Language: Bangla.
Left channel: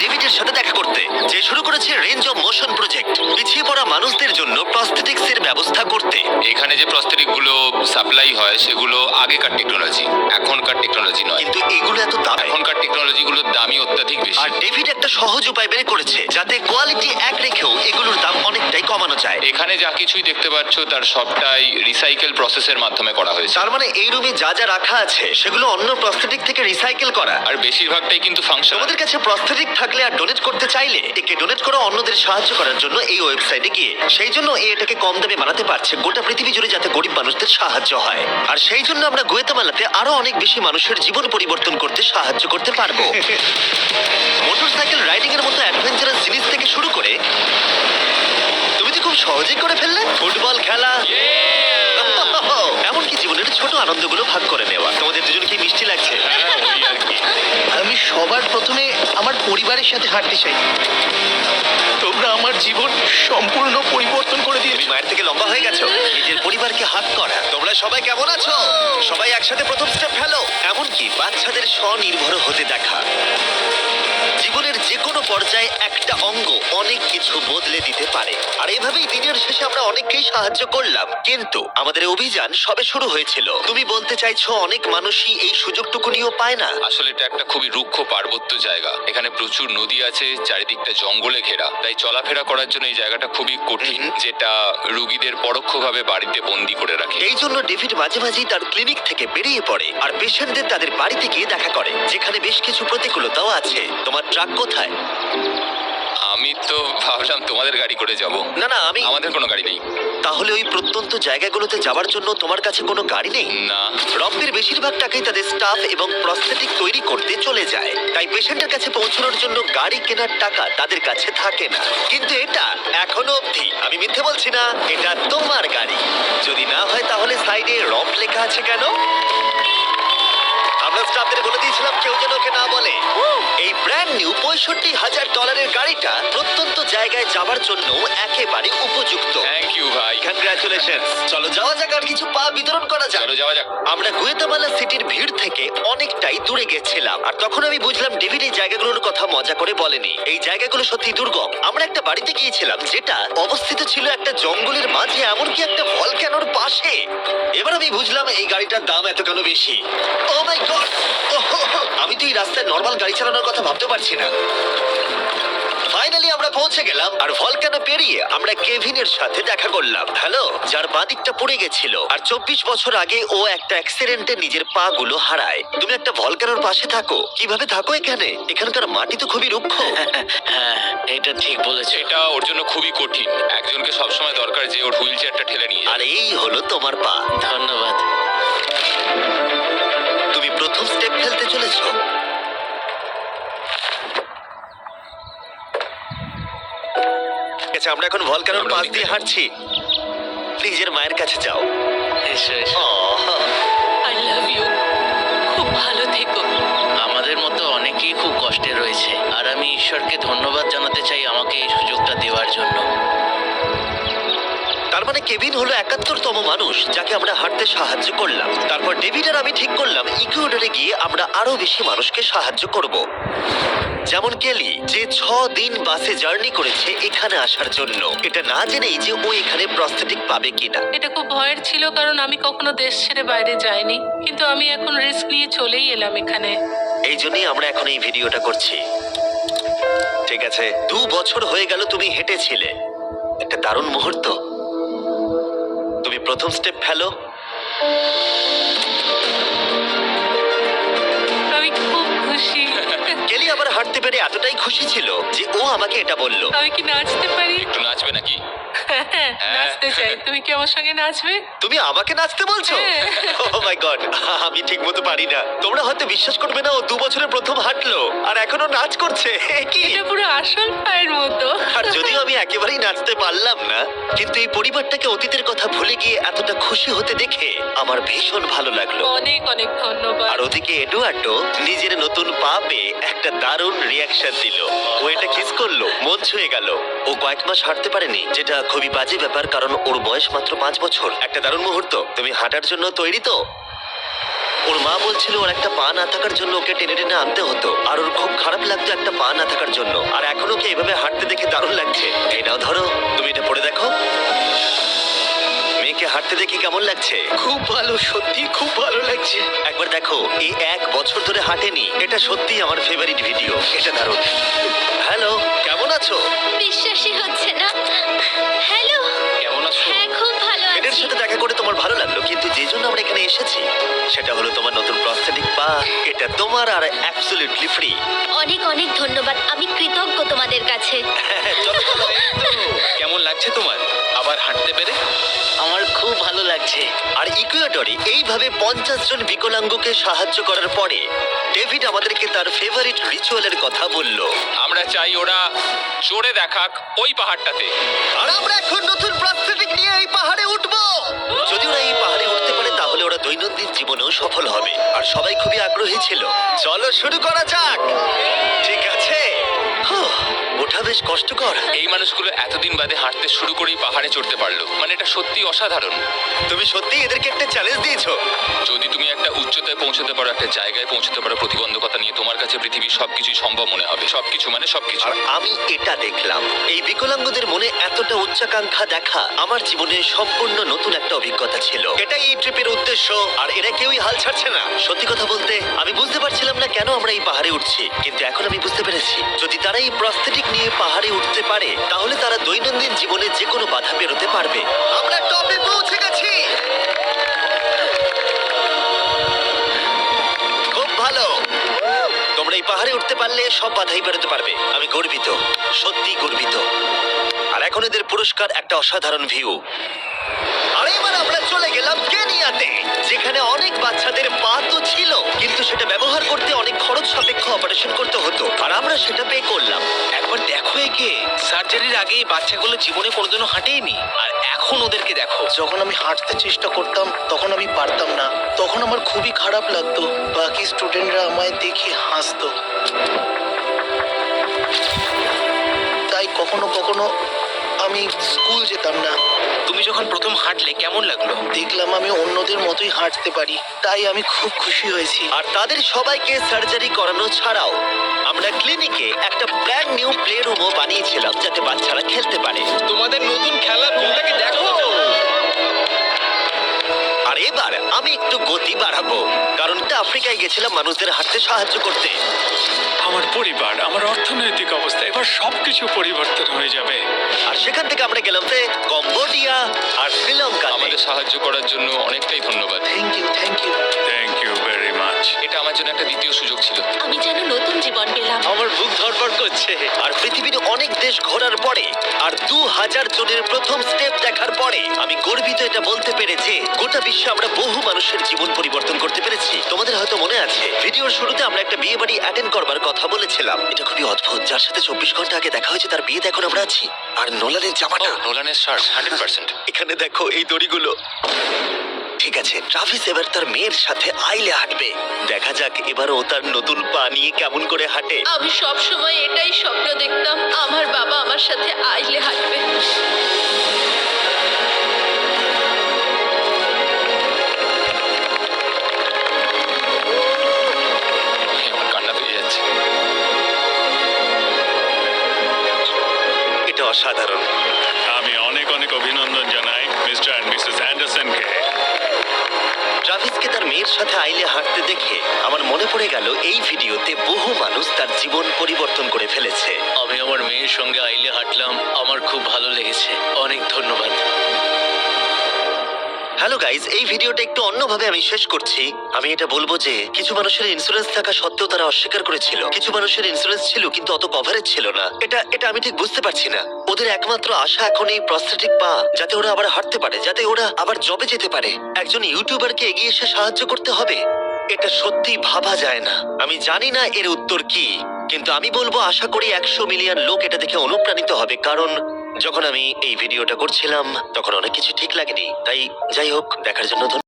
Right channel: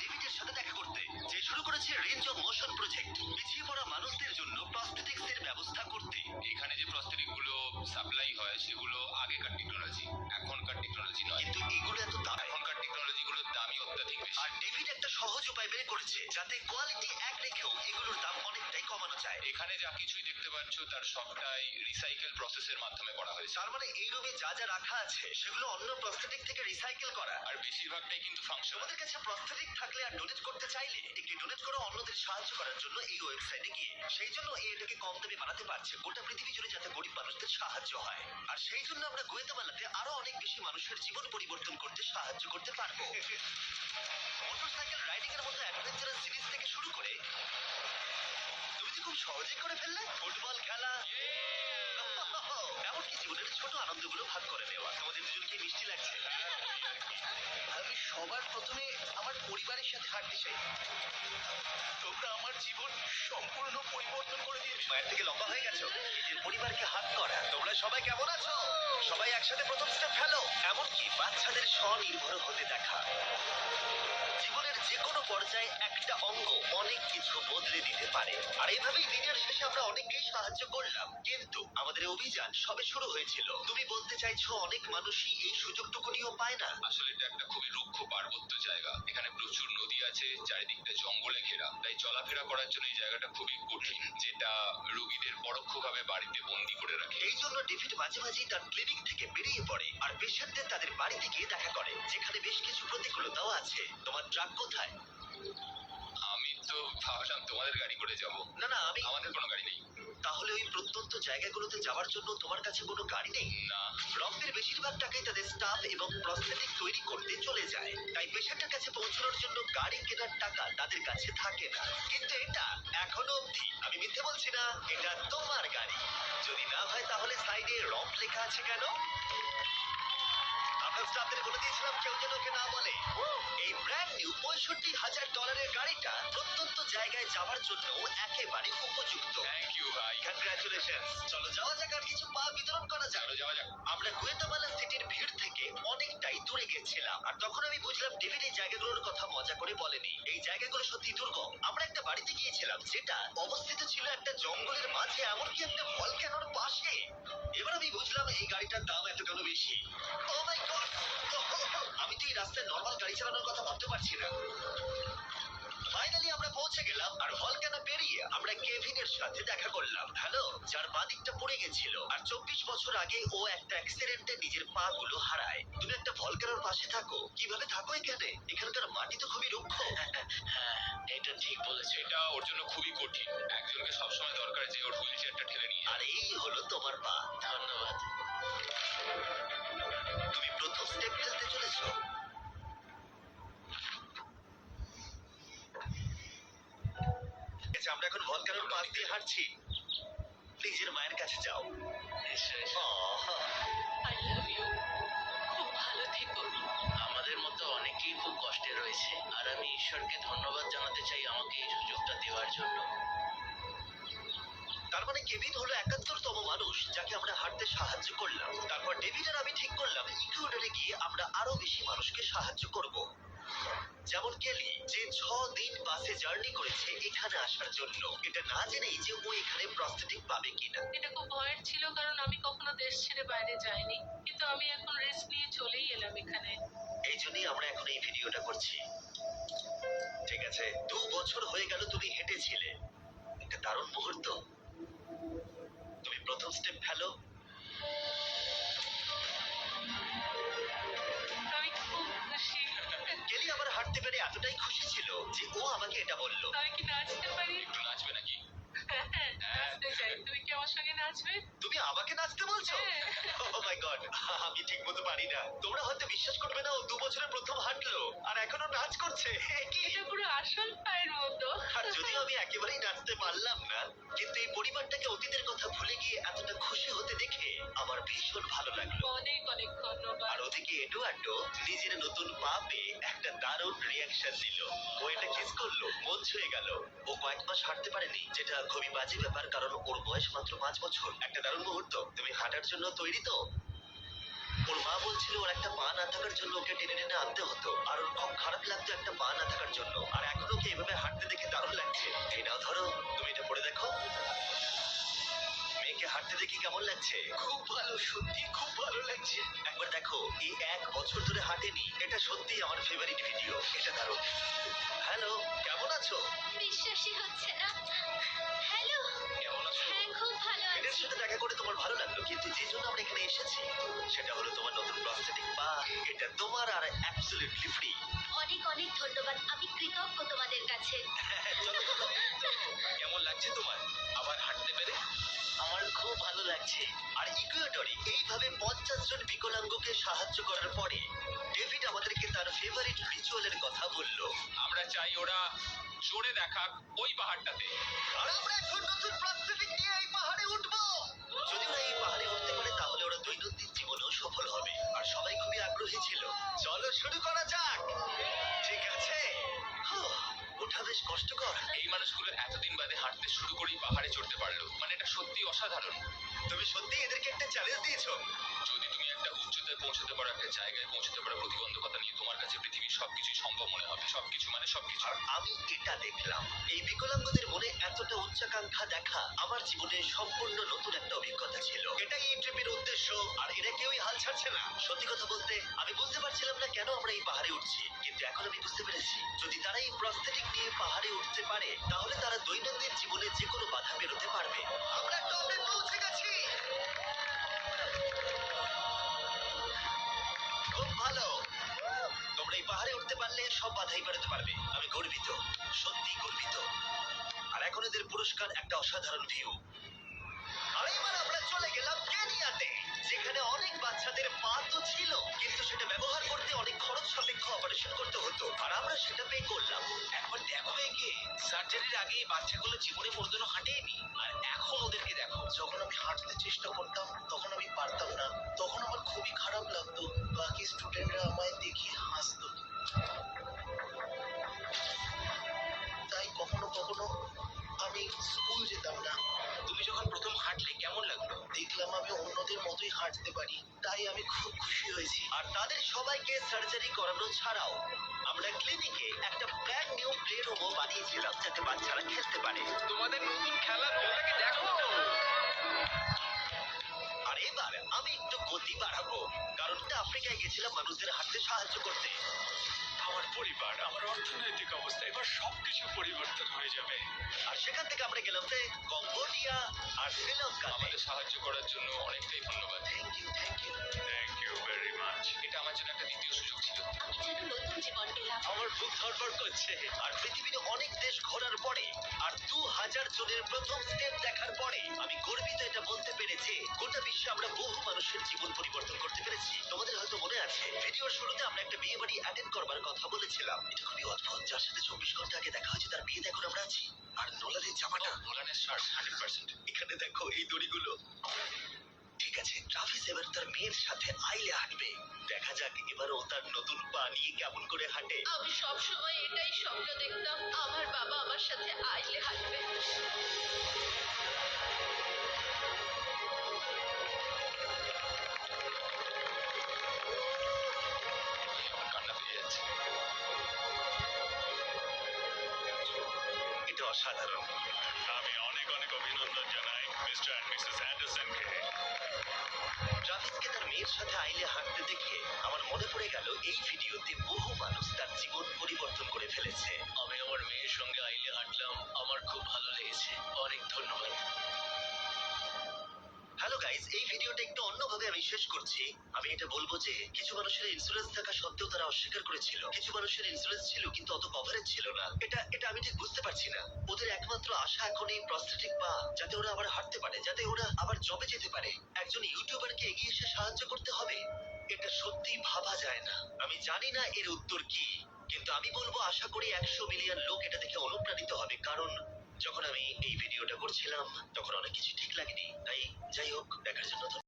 ডেভিডের সাথে দেখা করতে, যে শুরু করেছে রেঞ্জ অফ মোশন প্রজেক্ট, পিছিয়ে পড়া মানুষদের জন্য প্রস্থেটিক্স এর ব্যবস্থা করতে। এখানে যে প্রস্তরিক গুলো সাপ্লাই হয় সেগুলো আগেকার টেকনোলজি, এখনকার টেকনোলজি নয়। কিন্তু এগুলো এত দাম, এখনকার টেকনোলজি গুলোর দামই অত্যাধিক বেশি। আর ডেভিড একটা সহজ উপায় বের করেছে যাতে কোয়ালিটি এক রেখেও এগুলোর দাম অনেকটাই কমানো যায়। এখানে যা কিছুই দেখতে পাচ্ছ তার সবটাই রিসাইকেল প্রসেসের মাধ্যমে করা হয়েছে। তার মানে এই রুমে যা যা রাখা আছে সেগুলো অন্য প্রস্থেটিক থেকে রিসাইকেল করা। আর বেশিরভাগটাই কিন্তু ফাংশন। তোমাদের কাছে প্রস্থেটিক থাকলে আর ডোনেট করতে চাইলে একে ডোনেট করো অন্যদের সাহায্য করার জন্য এই ওয়েবসাইটে গিয়ে। সেই জন্য এটাকে কম দামে বানাতে পারছে গোটা পৃথিবী জুড়ে, যাতে গরিব মানুষদের সাহায্য হয়। আর সেই জন্য আমরা গুয়েতামালাতে আরো অনেক বেশি মানুষের জীবন পরিবর্তন করতে সাহায্য করতে পারবো। মোটরসাইকেল রাইডিং এর মতো অ্যাডভেঞ্চারাস জিনিস থেকে শুরু করে তুমি তো খুব সহজেই করে ফেললে ফুটবল খেলা, এমনকি জীবনের ছোট আনন্দগুলো ভাগ করে নেওয়া। তোমাদের দুজনকে মিষ্টি লাগছে। আমি সবার প্রথমে আমার পরিবারের সাথে হাঁটতে চাই। তোমরা আমার জীবন সম্পূর্ণ পরিবর্তন করে তুমি দিয়েছো। মায়ের থেকে লম্বা হয়ে গেছো। নিজের পরিবারকে হাত করা। তোমরা সবাই কেমন আছো? সবাই একসাথে প্রথম স্টেপ ফেলো। এমনকি বাচ্চাদের স্বনির্ভর হতে দেখা। জীবনের যে কোনো পর্যায়ে একটা অঙ্গ অনেক কিছু বদলে দিতে পারে। আর এভাবেই দিনের শেষে আমরা অনেককেই সাহায্য করলাম, কিন্তু আমাদের অভিযান সবে শুরু হয়েছিল। তুমি বলতে চাইছো অনেক মানুষই এই সুযোগটুকু নিয়েও পায় না? আসলে এটা একটা খুবই রুক্ষ পার্বত্য জায়গা। এখানে প্রচুর নদী আছে, চারিদিকটা জঙ্গলে ঘেরা। তাই চলাফেরা করার জন্য এই জায়গাটা খুবই কঠিন, যেটা রোগীদের পরোক্ষভাবে বাড়িতে বন্দি করে রাখে। এই জন্য ডেভিড মাঝে মাঝেই তার ক্লিনিক থেকে বেরিয়ে পড়ে আর পেশেন্টদের তাদের বাড়িতে গিয়ে দেখা করে, যেখানে বেশ কিছু প্রতিকূলতাও আছে। তোমার ট্রাক কোথায়? আমি তো ভাবলাম তোমাদের গাড়ি করে যাব। না না, আমাদের কোনো গাড়ি নেই। তাহলে ওই প্রত্যন্ত জায়গাগুলোতে যাওয়ার জন্য তোমার কাছে কোনো গাড়ি নেই? না। রব্বির বেশিরভাগ টাকাই তাদের স্টাফ এবং প্রস্থেটিক তৈরি করতে চলে যায়, তাই পেশেন্টের কাছে পৌঁছানোর জন্য গাড়ি কেনার টাকা তাদের কাছে থাকে না। কিন্তু এটা এখনো অবধি, আমি মিথ্যে বলছি না, এটা তোমার গাড়ি। যদি না হয় তাহলে সাইডে রব লেখা আছে কেন? আমরা স্টাফদের বলে দিয়েছিলাম কেউ যেন ওকে না বলে। এই ব্র্যান্ড নিউ $65,000 গাড়িটা প্রত্যন্ত জায়গায় যাওয়ার জন্য একেবারে উপযুক্ত। থ্যাংক ইউ ভাই। কংগ্রাচুলেশন। চলো যাওয়া যাক আর কিছু পা বিতরণ করা যাক। চলো যাওয়া যাক। আমরা গুয়েতামালা সিটির ভিড় থেকে অনেকটাই দূরে গেছিলাম, আর তখন আমি বুঝলাম ডেভিড এই জায়গাগুলোর কথা মজা করে বলেনি। এই জায়গাগুলো সত্যি দুর্গম। আমরা একটা বাড়িতে গিয়েছিলাম যেটা অবস্থিত ছিল একটা জঙ্গলের মাঝে, এমনকি একটা ভলক্যানোর পাশে। এবার আমি বুঝলাম এই গাড়িটার দাম এত কেন বেশি। ও মাই গড! আমি তো এই রাস্তায় নর্মাল গাড়ি চালানোর কথা ভাবতে পারছি না। ফাইনালি আমরা পৌঁছে গেলাম, আর ভলকানো পেরিয়ে আমরা কেভিনের সাথে দেখা করলাম। হ্যালো, যার পা দিকটা পড়ে গেছিল, আর 24 বছর আগে ও একটা অ্যাক্সিডেন্টে নিজের পা গুলো হারায়। তুমি একটা ভলকানোর পাশে থাকো, কিভাবে থাকো এখানে? এখানকার মাটি তো খুবই রুক্ষ। হ্যাঁ, এটা ঠিক বলেছে। এটা ওর জন্য খুবই কঠিন। একজনকে সবসময় দরকার যে ওর হুইল চেয়ারটা ঠেলে নিয়ে আর এই হলো তোমার পা। ধন্যবাদ। তুমি প্রথম স্টেপ ফেলতে চলেছো। ঠিক আছে, আমরা এখন ভলকানোর পাশ দিয়ে হাঁটছি। নিজের মায়ের কাছে যাও। এসো এসো। I love you. খুব ভালো থেকো। আমাদের মতো অনেকেই খুব কষ্টে রয়েছে, আর আমি ঈশ্বরকে ধন্যবাদ জানাতে চাই আমাকে এই সুযোগটা দেওয়ার জন্য। তার মানে কেভিন হলো 71তম মানুষ যাকে আমরা হাঁটতে সাহায্য করলাম। তারপর ডেভিড আর আমি ঠিক করলাম ইকুয়েডরে গিয়ে আমরা আরো বেশি মানুষকে সাহায্য করব, যেমন কেলি, যে 6 দিন বাসে জার্নি করেছে এখানে আসার জন্য, এটা না জেনেই যে ও এখানে প্রস্থেটিক পাবে কিনা। এটা খুব ভয়ের ছিল, কারণ আমি কখনো দেশ ছেড়ে বাইরে যাইনি, কিন্তু আমি এখন রিস্ক নিয়ে চলেই এলাম এখানে। এই জন্যই আমরা এখন এই ভিডিওটা করছি। ঠিক আছে, 2 বছর হয়ে গেল তুমি হেঁটেছিলে, একটা দারুণ মুহূর্ত। তুমি প্রথম স্টেপ ফেলো। আমি খুব খুশি। কেলি আবার হাঁটতে পেরে এতটাই খুশি ছিল যে ও আমাকে এটা বলল। আমি কি নাচতে পারি? একটু নাচবে নাকি? নাচতে চাই। তুমি কি আমার সঙ্গে নাচবে? তুমি আমাকে নাচতে বলছো? হ্যাঁ। ও মাই গড, আমি ঠিক মতো পারি না। তোমরা হয়তো বিশ্বাস করবে না, ও 2 বছরে প্রথম হাঁটলো আর এখনো নাচ করছে। কি! এটা পুরো আসল পায়ের মতো। আর যদিও আমি একেবারেই নাচতে পারলাম না, কিন্তু এই পরিবারটাকে অতীতের কথা ভুলে গিয়ে এতটা খুশি হতে দেখে আমার ভীষণ ভালো লাগলো। অনেক অনেক ধন্যবাদ। আর ওদিকে এডুয়ার্ডো নিজের নতুন পা পেয়ে একটা দারুণ রিয়াকশন দিল। ও এটা কিস করলো, মন ছুঁয়ে গেল। ও কয়েক মাস হাঁটতে পারেনি, যেটা খুবই বাজে ব্যাপার, কারণ ওর বয়স মাত্র 5 বছর। একটা দারুণ মুহূর্ত। তুমি হাঁটার জন্য তৈরি তো? ওর মা বলছিল ওর একটা পা না থাকার জন্য ওকে টেনে টেনে আনতে হতো, আর ওর খুব খারাপ লাগতো একটা পা না থাকার জন্য। আর এখন ওকে এভাবে হাঁটতে দেখে দারুণ লাগছে। এই নাও ধরো, তুমি এটা পরে দেখো। মেয়েকে হাঁটতে দেখে কেমন লাগছে? খুব ভালো, সত্যি খুব ভালো লাগছে। একবার দেখো, এই 1 বছর ধরে হাঁটেনি। এটা সত্যিই আমার ফেভারিট ভিডিও। এটা দারুণ। হ্যালো, কেমন আছো? বিশ্বাসই হচ্ছে না। হ্যালো। কেমন আছো? হ্যাঁ, খুব ভালো এদের আছি। সাথে দেখা করে তোমার ভালো লাগলো, কিন্তু যে জন্য আমরা এখানে এসেছি সেটা হলো তোমার নতুন প্রস্থেটিক পা। এটা তোমার আর অ্যাবসলিউটলি ফ্রি। অনেক অনেক ধন্যবাদ, আমি কৃতজ্ঞ তোমাদের কাছে। কেমন লাগছে তোমার আবার হাঁটতে পেরে? আমার খুব ভালো লাগছে। আর ইকুয়েডরে এইভাবে 50 জন বিকলাঙ্গকে সাহায্য করার পরে ডেভিড আমাদেরকে তার ফেভারিট রিচুয়ালের কথা বলল। আমরা চাই ওরা চড়ে দেখাক ওই পাহাড়টাতে। আর আমরা এখন নতুন প্রস্থেটিক নিয়ে এই পাহাড়ে উঠবো। যদি ওরা এই পাহাড়ে উঠতে পারে তাহলে ওরা দৈনন্দিন জীবনেও সফল হবে। আর সবাই খুবই আগ্রহী ছিল। চলো শুরু করা যাক। ঠিক আছে। হুঁ, ওঠা বেশ কষ্টকর। এই মানুষগুলো এতদিন বাদে হাঁটতে শুরু করেই পাহাড়ে চড়তে পারলো, মানে এটা সত্যি অসাধারণ। তুমি সত্যি এদেরকে একটা চ্যালেঞ্জ দিয়েছো। যদি তুমি একটা উচ্চতায় পৌঁছতে পারো, একটা জায়গায় পৌঁছতে পারো প্রতিবন্ধকতা নিয়ে, তোমার কাছে পৃথিবীর সবকিছুই সম্ভব মনে হবে। সবকিছু মানে সবকিছু। আর আমি এটা দেখলাম, এই বিকলাঙ্গদের মনে এতটা উচ্চাকাঙ্ক্ষা দেখা আমার জীবনে সম্পূর্ণ নতুন একটা অভিজ্ঞতা ছিল। এটাই এই ট্রিপের উদ্দেশ্য। আর এরা কেউই হাল ছাড়ছে না। সত্যি কথা বলতে আমি বুঝতে পারছিলাম না কেন আমরা এই পাহাড়ে উঠছি, কিন্তু এখন আমি বুঝতে পেরেছি। যদি তারা এই প্রস্থেটিক নিয়ে পাহাড়ে উঠতে পারে তাহলে তারা দৈনন্দিন জীবনে যে কোনো বাধা পেরোতে পারবে। আমরা টপে পৌঁছে গেছি। খুব ভালো। তোমরা এই পাহাড়ে উঠতে পারলে সব বাধাই বেরোতে পারবে। আমি গর্বিত, সত্যি গর্বিত। আর এখন এদের পুরস্কার একটা অসাধারণ ভিউ। আর এবার আমরা চলে গেলাম কেনিয়াতে, যেখানে অনেক বাচ্চাদের পা তো ছিল, কিন্তু সেটা ব্যবহার করতে অনেক খরচ সাপেক্ষ অপারেশন করতে হতো। আর আমরা সেটা পে করলাম। একবার দেখো একে, সার্জারির আগে এই বাচ্চাগুলো জীবনে কোনোদিনও হাঁটেইনি, আর এখন ওদেরকে দেখো। যখন আমি হাঁটতে চেষ্টা করতাম তখন আমি পারতাম না, তখন আমার খুবই খারাপ লাগতো। বাকি স্টুডেন্টরা আমায় দেখে হাসতো। তাই কখনো কখনো আমি স্কুল যেতাম না। তুমি যখন প্রথম হাঁটলে কেমন লাগলো? দেখলাম আমি অন্যদের মতোই হাঁটতে পারি, তাই আমি খুব খুশি হয়েছি। আর তাদের সবাইকে সার্জারি করানো ছাড়াও আমরা ক্লিনিকে একটা ব্র্যান্ড নিউ প্লে রুমও বানিয়েছিলাম, যাতে বাচ্চারা খেলতে পারে। তোমাদের নতুন খেলার রুমটাকে দেখো। আর এবার আমি একটু গতি বাড়াবো, কারণ আফ্রিকায় গেছিলাম মানুষদের হাঁটতে সাহায্য করতে। আমার পরিবার, আমার অর্থনৈতিক অবস্থা, এবার সবকিছু পরিবর্তন হয়ে যাবে। আর সেখান থেকে আমরা গেলাম কম্বোডিয়া আর শ্রীলঙ্কা। আমাদের সাহায্য করার জন্য অনেকটাই ধন্যবাদ। Thank you, thank you. Thank you very much. এটা আমার জন্য একটা দ্বিতীয় সুযোগ ছিল। আমি যেন নতুন জীবন পেলাম। আমার বুক ধড়ফড় করছে। আর পৃথিবীর অনেক দেশ ঘোরার পরে আর 2000 জনের প্রথম স্টেপ দেখার পরে আমি গর্বিত এটা বলতে পেরে যে গোটা বিশ্বে আমরা বহু মানুষের জীবন পরিবর্তন করতে পেরেছি। তোমাদের হয়তো মনে আছে ভিডিওর শুরুতে আমরা একটা বিয়ে বাড়ি অ্যাটেন্ড করবার কথা বলেছিলাম। এটা খুবই অদ্ভুত, যার সাথে 24 ঘন্টা আগে দেখা হয়েছে তার বিয়েতে এখন আমরা আছি। আর নোলানের জামাটা, নোলানের শার্ট 100%। এখানে দেখো এই দড়িগুলো। ঠিক আছে, ট্রাভিস এবার তার মেয়ের সাথে আইলে হাঁটবে। দেখা যাক এবার ও তার নতুন পা নিয়ে কেমন করে হাঁটে। আমি সব সময় এটাই স্বপ্ন দেখতাম, আমার বাবা আমার সাথে আইলে হাঁটবে। আমার কান্না পেয়ে যাচ্ছে। এটা অসাধারণ। আমি অনেক অনেক অভিনন্দন জানাই মিস্টার অ্যান্ড মিসেস অ্যান্ডারসনকে। ট্রাভিসকে তার মেয়ের সাথে আইলে হাঁটতে দেখে আমার মনে পড়ে গেল এই ভিডিওতে বহু মানুষ তার জীবন পরিবর্তন করে ফেলেছে। আমি আমার মেয়ের সঙ্গে আইলে হাঁটলাম, আমার খুব ভালো লেগেছে। অনেক ধন্যবাদ। হ্যালো গাইজ, এই ভিডিওটা একটু অন্যভাবে আমি শেষ করছি। আমি এটা বলবো যে কিছু মানুষের ইন্স্যুরেন্স থাকা সত্ত্বেও তারা অস্বীকার করেছিল। কিছু মানুষের ইন্স্যুরেন্স ছিল কিন্তু অত কভারেজ ছিল না। এটা আমি ঠিক বুঝতে পারছি না। ওদের একমাত্র আশা এখন এই প্রস্থেটিক পা, যাতে ওরা আবার হাঁটতে পারে, যাতে ওরা আবার জবে যেতে পারে। একজন ইউটিউবারকে এগিয়ে এসে সাহায্য করতে হবে, এটা সত্যি ভাবা যায় না। আমি জানি না এর উত্তর কি, কিন্তু আমি বলবো আশা করি 100 মিলিয়ন লোক এটা দেখে অনুপ্রাণিত হবে। কারণ যখন আমি এই ভিডিওটা করছিলাম তখন অনেক কিছু ঠিক লাগেনি। তাই যাই হোক, দেখার জন্য ধন্যবাদ।